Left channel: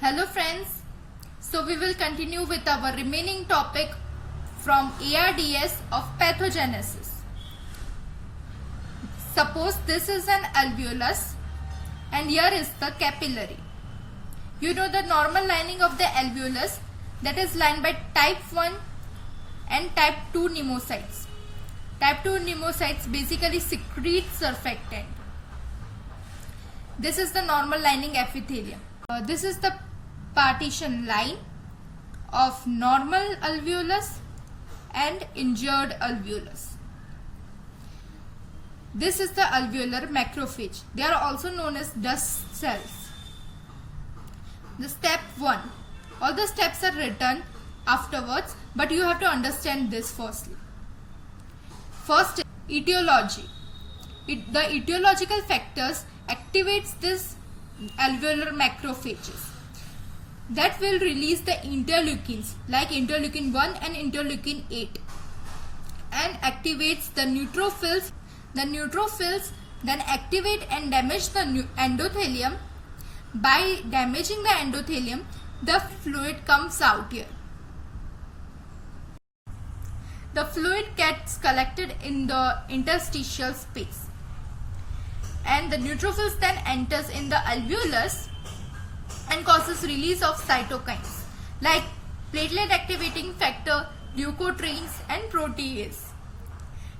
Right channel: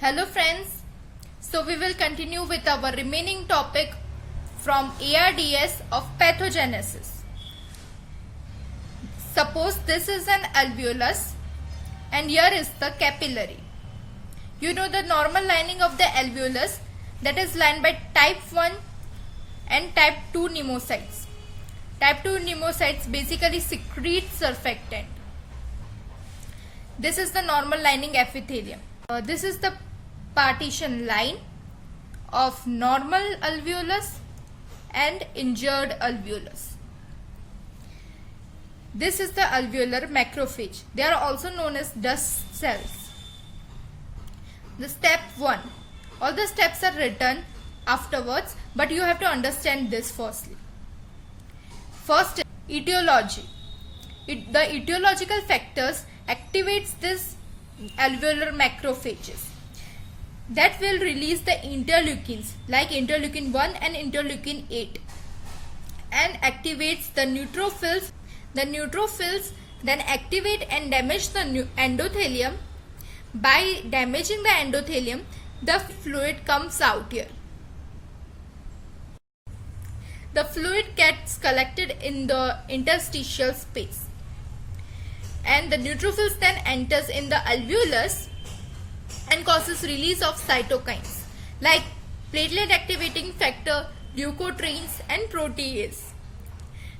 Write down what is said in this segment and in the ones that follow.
Hello friends, so we will continue with our remaining topic from ARDS of pathogenesis. Suppose this is an alveolus and here is the capillary. You know the normal lining of the alveolus, that is lined by type 1 and type 2 pneumocytes. Type 2 pneumocytes basically secrete surfactant. This is the normal lining epithelium. This is the partition line of normal alveolus and injured alveolus. This is the alveolar macrophage. They are also known as dust cells. The step 1. All the steps are written afterwards, but you have to understand this firstly. First, etiology. The etiological factors activates this alveolar macrophages that will release the interleukins like interleukin 1 and interleukin 8 and activates the neutrophils. The neutrophils then activate and damage the endothelium. By damaging the endothelium, the fluid comes out here. The fluid gets collected in the interstitial space and the neutrophils then enters in the alveolus and causes release of cytokines like platelet activating factor, leukotrienes and protease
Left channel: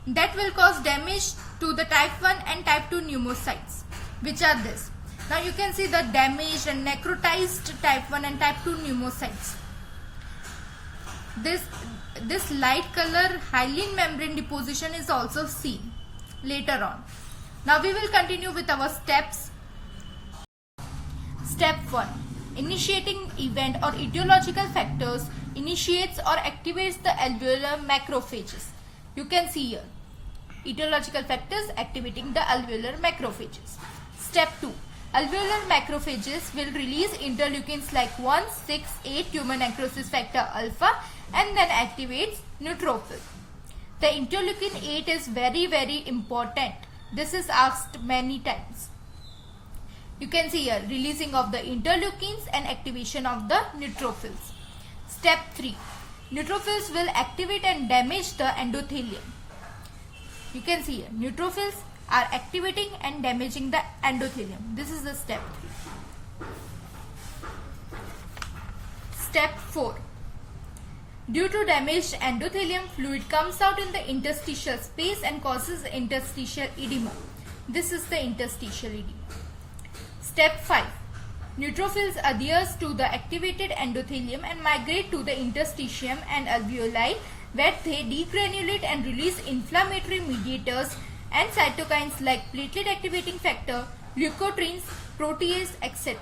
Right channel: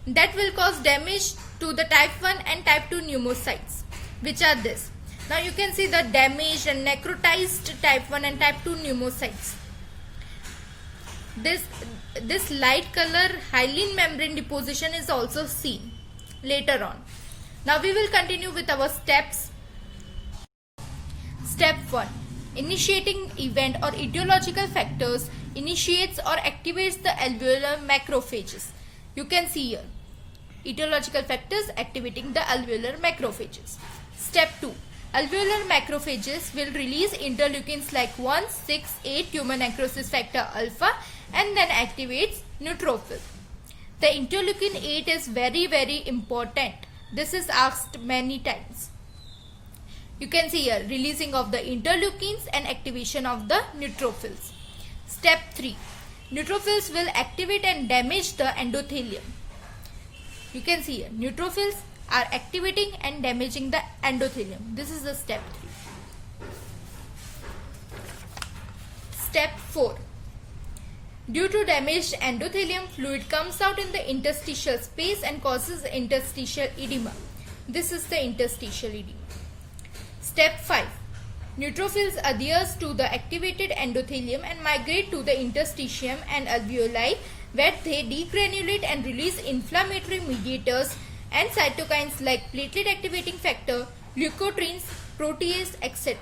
that will cause damage to the type 1 and type 2 pneumocytes, which are this. Now you can see the damaged and necrotized type 1 and type 2 pneumocytes. This light color hyaline membrane deposition is also seen later on. Now we will continue with our steps. Step 1. Initiating event or etiological factors initiates or activates the alveolar macrophages. You can see here. Etiological factors activating the alveolar macrophages. Step 2. Alveolar macrophages will release interleukins like 1, 6, 8 tumor necrosis factor alpha and then activates neutrophil. The interleukin 8 is very important. This is asked many times. You can see here releasing of the interleukins and activation of the neutrophils. Step 3. Neutrophils will activate and damage the endothelium. You can see here neutrophils are activating and damaging the endothelium. This is the step 3. Step 4. Due to damaged endothelium, fluid comes out in the interstitial space and causes interstitial edema. This is the interstitial edema. Step 5. Neutrophils adheres to the activated endothelium and migrate to the interstitium and alveoli where they degranulate and release inflammatory mediators and cytokines like platelet activating factor, leukotrienes, protease, etc.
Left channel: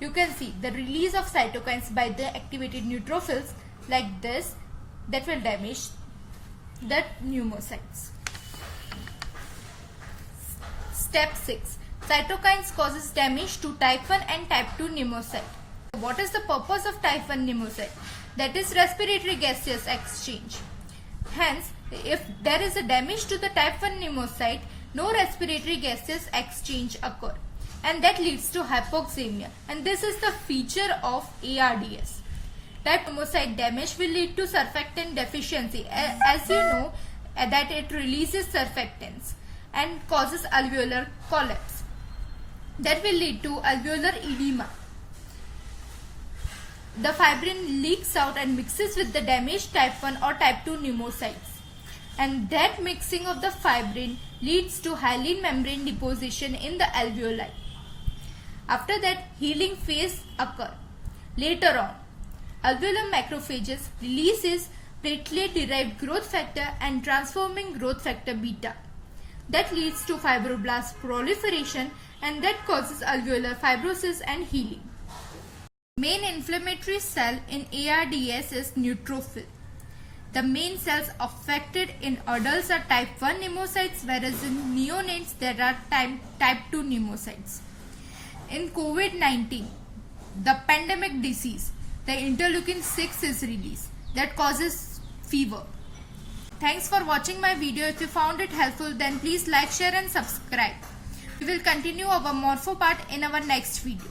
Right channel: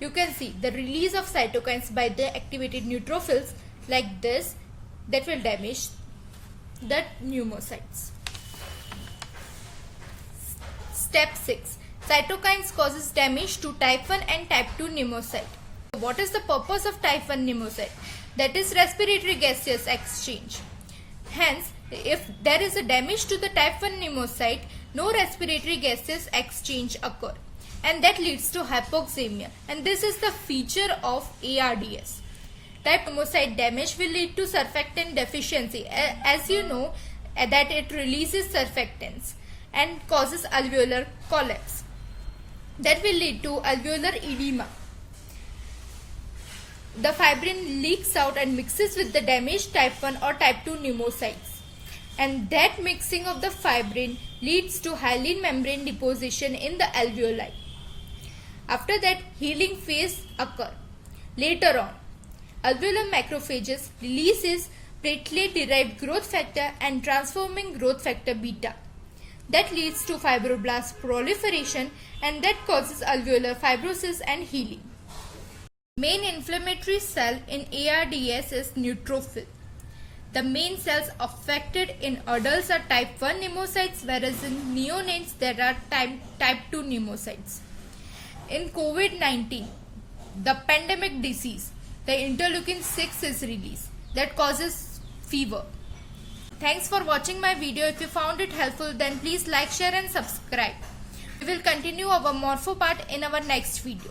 You can see the release of cytokines by the activated neutrophils like this that will damage the pneumocytes. Step 6. Cytokines causes damage to type 1 and type 2 pneumocyte. What is the purpose of type 1 pneumocyte? That is respiratory gaseous exchange. Hence, if there is a damage to the type 1 pneumocyte, no respiratory gaseous exchange occur and that leads to hypoxemia, and this is the feature of ARDS. Type pneumocyte damage will lead to surfactant deficiency, as you know that it releases surfactants and causes alveolar collapse. That will lead to alveolar edema. The fibrin leaks out and mixes with the damaged type 1 or type 2 pneumocytes, and that mixing of the fibrin leads to hyaline membrane deposition in the alveoli. After that, healing phase occurs. Later on, alveolar macrophages releases platelet derived growth factor and transforming growth factor beta. That leads to fibroblast proliferation and that causes alveolar fibrosis and healing. Main inflammatory cell in ARDS is neutrophil. The main cells affected in adults are type 1 pneumocytes, whereas in neonates there are type 2 pneumocytes. In COVID-19, the pandemic disease, the interleukin 6 is released that causes fever. Thanks for watching my video. If you found it helpful, then please like, share and subscribe. We will continue our morpho part in our next video.